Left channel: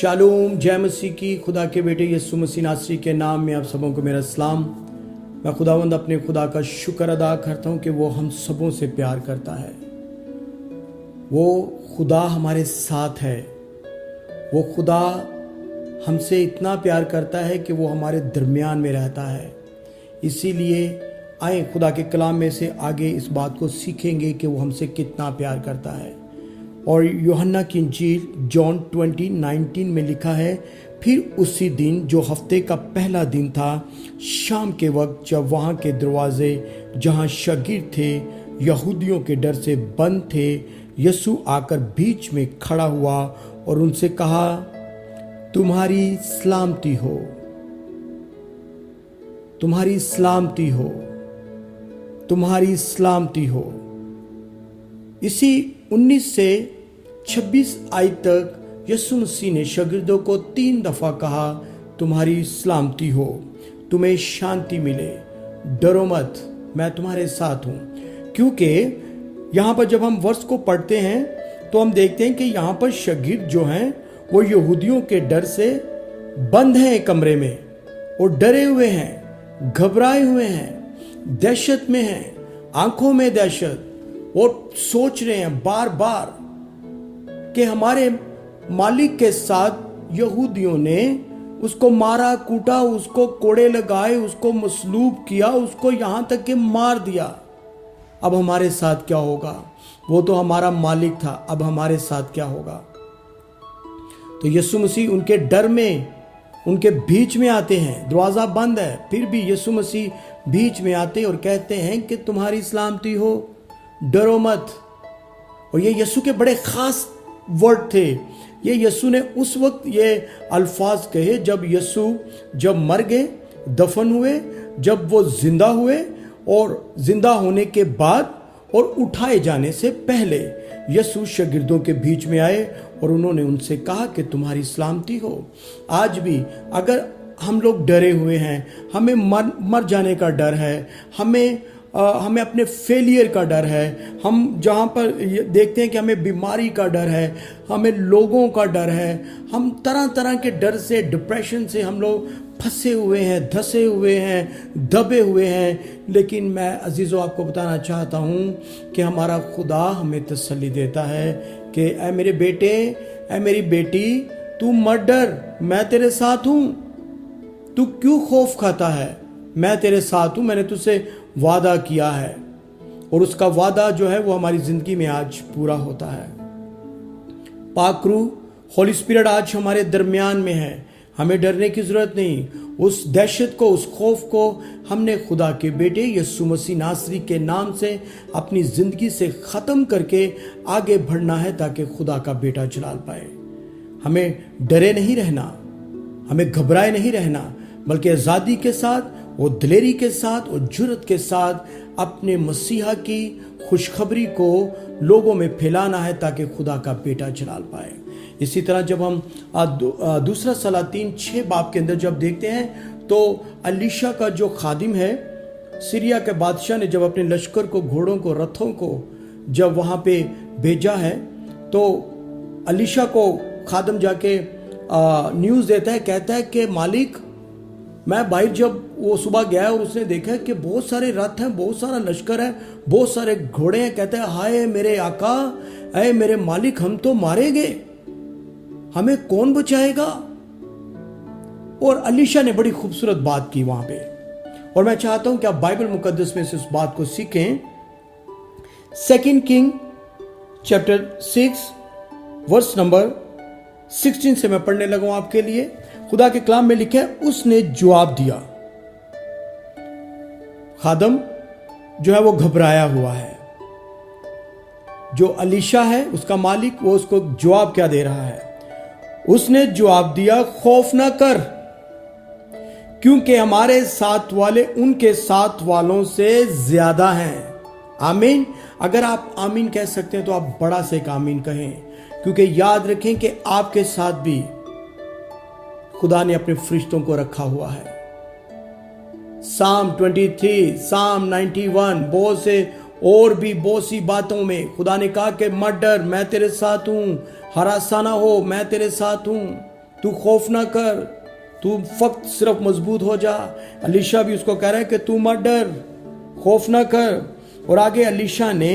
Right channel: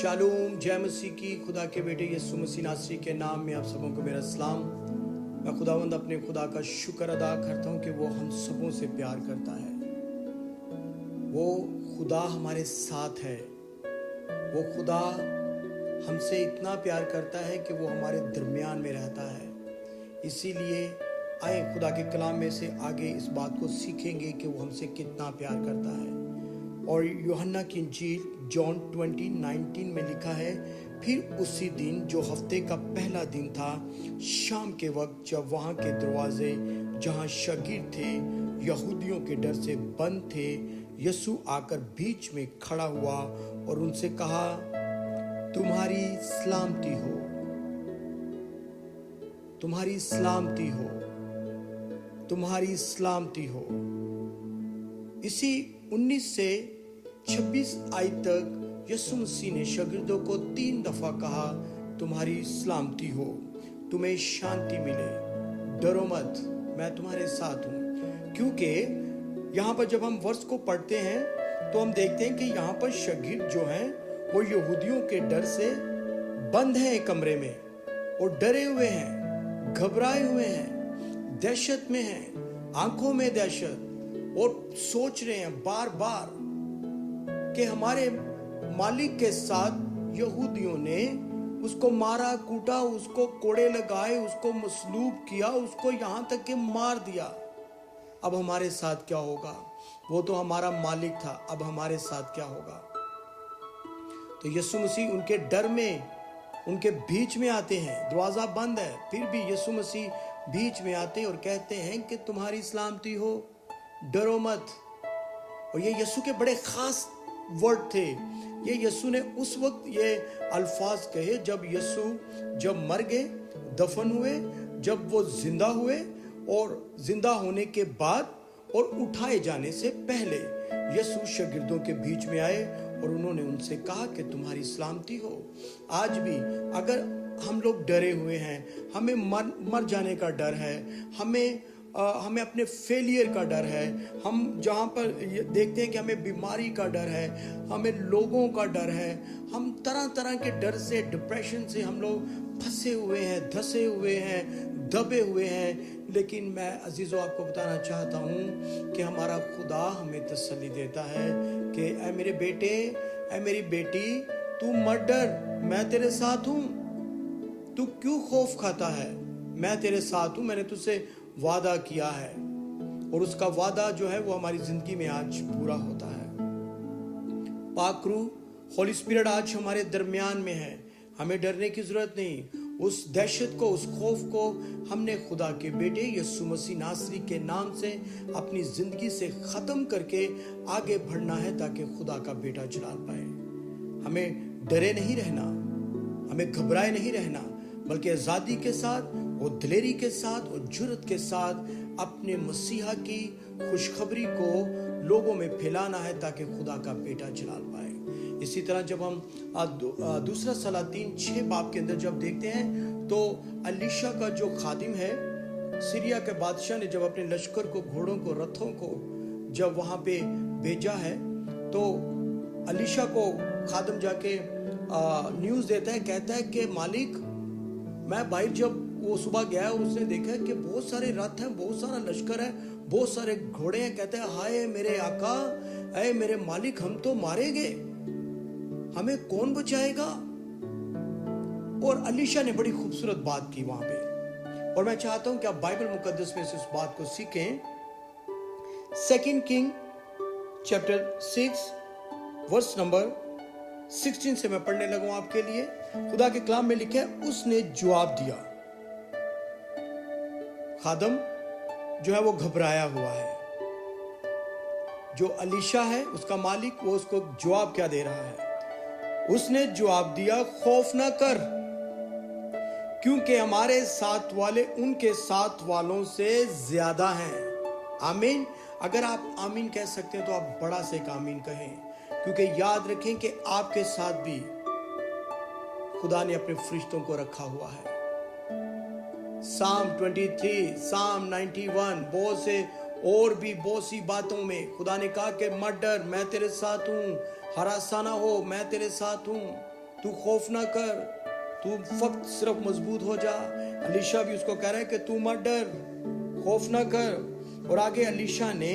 Shalom, जय मसीह की। खुदा के बेटे यीशु मसीह नासरी के नाम में आप सबों को मेरा सलाम। मैं खुदावंद अपने खुदा का शुक्र अदा करता हूँ कि वो हम सबों से प्यार करता है। वो खुदा हमारे साथ है। वो खुदा हमसे इतना प्यार करता है कि वो हमारे दरमियान में रहता है। इसीलिए आए खुदा के कलाम में से आगे इस बात को सीखेंगे कि वो हमसे कितना प्यार करता है। और यूहन्ना की इंजील जॉन 20:19 में लिखा है, फिर उसी दिन जो हफ्ते का पहला दिन था, शाम के वक्त जब वहाँ के दरवाजे जहाँ शागिर्द थे यहूदियों के डर से बंद थे, यीशु आकर बीच में खड़ा हुआ और उनसे कहा, तुम्हारी सलामती हो, तुम्हारी सलामती हो, तुम्हारी सलामती हो। इसी 19 से 26 आयत तक यीशु मसीह ने शागिर्दों को 3 दफा कहा, तुम्हारी सलामती हो, तुम्हें शांति मिले, डरो मत, मैं तुम्हारे साथ हूं। क्योंकि यहाँ पर जब हम वर्ष को पढ़ते हैं तो हम देखते हैं कि यहाँ पर शागिर्द जो हैं वो यहूदियों के डर से बंद हैं कमरे में और डरे हुए हैं, घबराए हुए हैं, दहशत में हैं, आंखों में दहशत, और सोच रहे हैं बार बार कि हमारे मालिक के साथ यहूदियों ने उसको मारा कूटा, उसको कोड़े लगाए, उसको मसलूब किया, उसको यहां तक कि मार दिया। अब हमारे साथ क्या होगा? वो तो हमारा मालिक था, अब हमारे साथ क्या होगा? तो यीशु मसीह उनके डर में उनके बीच में आते हैं। दरवाजा बंद है, फिर भी यीशु मसीह बीच में आते और कहते हैं कि तुम्हारी सलामती हो, डरो मत। और ये यीशु के बड़े खास वर्ड थे। ये यीशु ने उस वक्त ये अल्फाज कहे जब यीशु जब मर गए, दफन हुए, जब वो जिंदा हुए, और जिंदा होने के बाद और उठाए जाने से पहले यीशु शागिर्दों के बीच में आए और उन्होंने उनसे कहा कि तुम्हारी सलामती हो। आज भी अगर हम लोग डरे हुए हैं, हमें मर जाने का डर है, हमें अपने फेलियर का डर है, हम जहाँ पर देखते हैं कि हमें बीमारी का डर है, हमें लोगों का डर है, हम तरह तरह के डर से, डिप्रेशन से हम लोग फंसे हुए हैं, धसे हुए हैं, दबे हुए हैं। लेकिन मैं अजीज़ों आपको बताना चाहता हूँ कि हमारा खुदा हमें तसल्ली देता है कि ऐ मेरे बेटे, ऐ मेरी बेटी, तू मत डर, मैं तेरे साथ हूँ। तू क्यों खौफ खाता है? मैं तेरे साथ हूँ। मैंने तुझसे वादा किया है और उसका वादा जो है वो हमारी जिंदगी में आज पूरा होता है। पाक रूह, होली स्पिरिट आज हमारे दरमियान में है। हमें डरने की जरूरत नहीं। उस दहशत को, उस खौफ को हमने खुदा के बेटे यीशु मसीह नासरी के नाम से अपनी जिंदगी से खत्म करके आगे बढ़ना है ताकि खुदा का बेटा जलाल पाए। हमें डरे नहीं रहना, हमें घबराए नहीं रहना, बल्कि आजादी के साथ और दिलेरी के साथ और जुर्रत के साथ अपने मसीहा की खुशखबरी को लोगों में फैलाना है ताकि खुदा का बेटा जलाल पाए। इसी तरह जब हम दूसरा सलातीन 6 बाब के अंदर जब देखते हैं तो अलीशा का जो खादिम है, सीरिया के बादशाह ने जब अपने लश्कर को, घोड़ों को, रथों को जब वहाँ पे भेजा है तो अलीशा को खादिम जाके न्यूज़ देता है, कहता है कि मालिक, मैं बाहर जब वो सुबह गया और उसने देखा कि बहुत सारे रथ हैं, बहुत सारा लश्कर है, बहुत सारे घोड़े हैं। कहते हैं, हाय मेरे आका, अरे मेरे मालिक, हम तो मारे गए, हमें कौन बचाएगा? और अलीशा ने बड़ी खूबसूरत बात की वहां पे, और मैं चाहता हूं कि आप बाइबल मुकद्दस में से उस बात को सीखें। 2 किंग चैप्टर 6 वर्स नंबर 16 से मैं पढ़ने लगा हूं आपके लिए। खुदा के कलाम में लिखा है, उसने जवाब दिया। खादम जो है वो घबराया हुआ है। जो अलीशा है उसका मालिक, वो उसको जवाब क्या दे रहा है? उसने जवाब दिया, खौफ ना कर, क्योंकि हमारे साथ वाले उनके साथ वालों से ज्यादा हैं। आमीन। अगर आप आमीन कह सकते हैं तो आप बड़ा से एक आमीन कहें, क्योंकि याद रखें कि आपके साथ भी खुदा ने अपने फरिश्तों को रखा हुआ है। साम 23, साम 91, बहुत से और भी बहुत सी बातों में खुदा ने कहा कि मत डर, मैं तेरे साथ हूं, हरासा ना हो, मैं तेरे साथ हूं। तू खौफ ना कर, तू फक्त सिर्फ मजबूत हो जा। अलीशा भी उसको कह रहा है कि तू मत डर, खौफ ना कर। और आगे अलीशा ने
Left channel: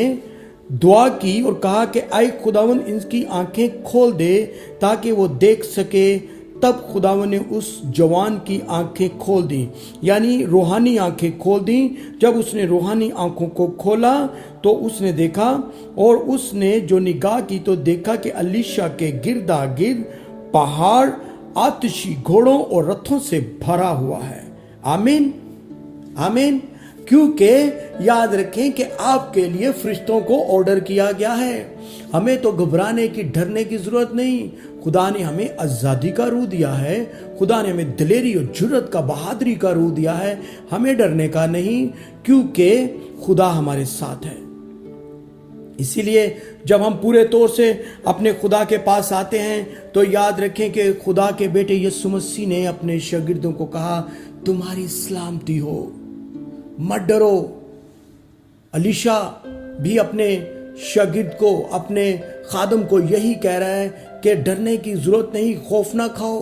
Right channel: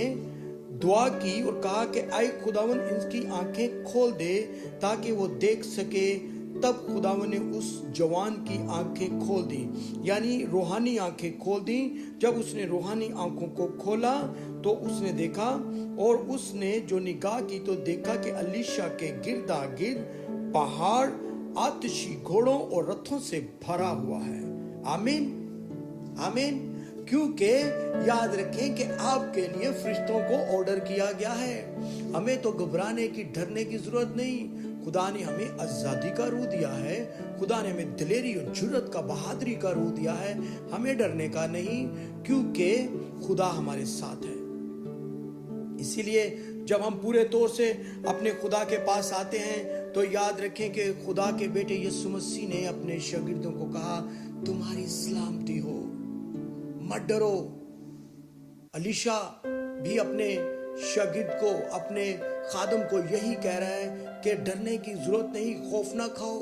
दुआ की और कहा कि आए खुदावन इनकी आंखें खोल दे ताकि वो देख सके। तब खुदावन ने उस जवान की आंखें खोल दी, यानी रूहानी आंखें खोल दी। जब उसने रूहानी आंखों को खोला तो उसने देखा, और उसने जो निगाह की तो देखा कि अलीशा के गिरदा गिर्द पहाड़ आतिशी घोड़ों और रथों से भरा हुआ है। आमीन, आमीन। क्योंकि याद रखें कि आपके लिए फरिश्तों को ऑर्डर किया गया है। हमें तो घबराने की, डरने की जरूरत नहीं। खुदा ने हमें आजादी का रूह दिया है, खुदा ने हमें दिलेरी और जुर्रत का, बहादुरी का रूह दिया है। हमें डरने का नहीं, क्योंकि खुदा हमारे साथ है। इसीलिए जब हम पूरे तौर से अपने खुदा के पास आते हैं तो याद रखें कि खुदा के बेटे यीशु मसीह ने अपने शागिर्दों को कहा, तुम्हारी सलामती हो, मत डरो। अलीशा भी अपने शागिर्द को, अपने खादम को यही कह रहा है कि डरने की जरूरत नहीं, खौफ ना खाओ।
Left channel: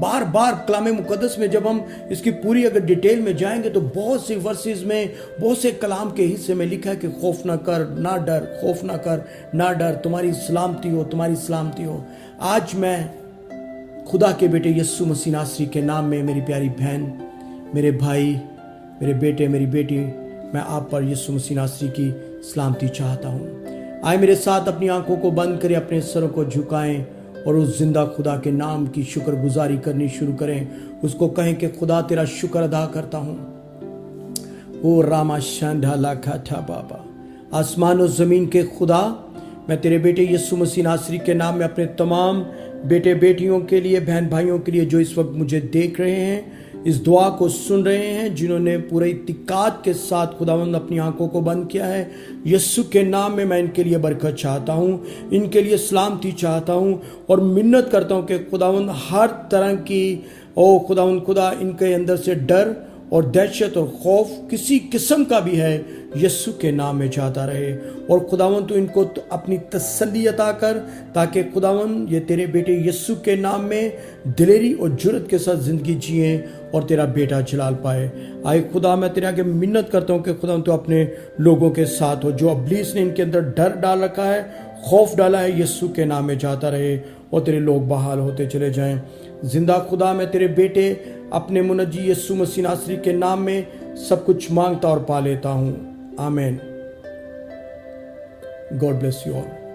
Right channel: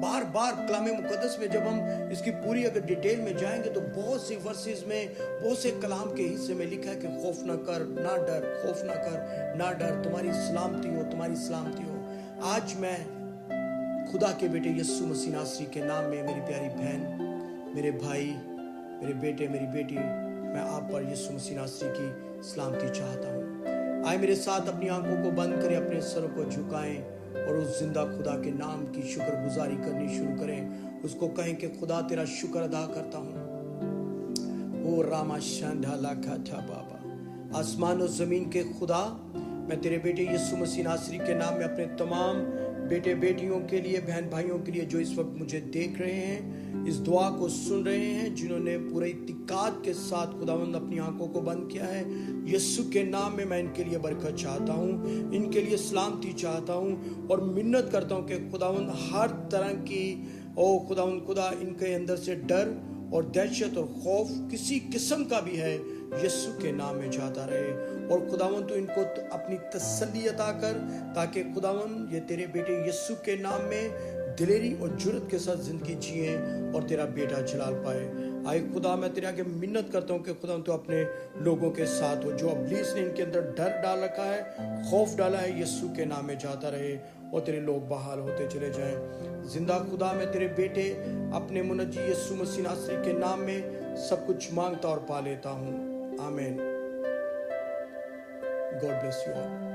बार बार कलाम मुकद्दस में जब हम इसकी पूरी अगर डिटेल में जाएंगे तो बहुत सी वर्सेस में, बहुत से कलाम के हिस्से में लिखा है कि खौफ ना कर, ना डर, खौफ ना कर, ना डर, तुम्हारी सलामती हो, तुम्हारी सलामती हो। आज मैं खुदा के बेटे यीशु मसीह नासरी के नाम में, मेरी प्यारी बहन, मेरे भाई, मेरे बेटे, मेरी बेटी, मैं आप पर यीशु मसीह नासरी की सलामती चाहता हूँ। आए मेरे साथ अपनी आंखों को बंद करें, अपने सरों को झुकाएं और उस जिंदा खुदा के नाम की शुक्रगुजारी करनी शुरू करें। उसको कहें कि खुदा तेरा शुक्र अदा करता हूँ। ओ रामा शांढाला खाठा बाबा, आसमान और जमीन के खुदा, मैं तेरे बेटे यीशु मसीह नासरी के नाम में अपने तमाम बेटे बेटियों के लिए, बहन भाइयों के लिए जो इस वक्त मुझे देख रहे हैं, इस दुआ को सुन रहे हैं, जिन्होंने पूरे इत्तिकाद के साथ खुदावंद अपनी आंखों को बंद किया है, यीशु के नाम में मैं इनके लिए बरकत चाहता हूँ, इनके लिए सलामती चाहता हूँ और मिन्नत करता हूँ कि खुदावंद हर तरह की, ओ खुदावंद खुदा, इनके अंदर से डर और दहशत और खौफ किसी किस्म का भी है, यीशु के नाम में जाता रहे। और खुदावन तू इनको तो अपनी तसल्ली अता कर, ताकि खुदावन ये तेरे बेटे यीशु के नाम में दिलेरी और जुर्रत के साथ जिंदगी जिए और तेरा बेटा जलाल पाए। आए खुदा, मैं तेरे आगे मिन्नत करता हूँ कि खुदावन तू अपने लोगों के साथ हो। जो इब्लीस ने इनके अंदर डर डाल रखा है, खौफ डाला है, यीशु के नाम में जाता रहे और तेरे लोग बहाल होते चले जाएं। जिंदा खुदा, मैं तेरे बेटे अपने मुनज्जी यीशु मसीह नासरी के नाम में सब कुछ मांगता और पा लेता हूँ। आमीन। God bless you all.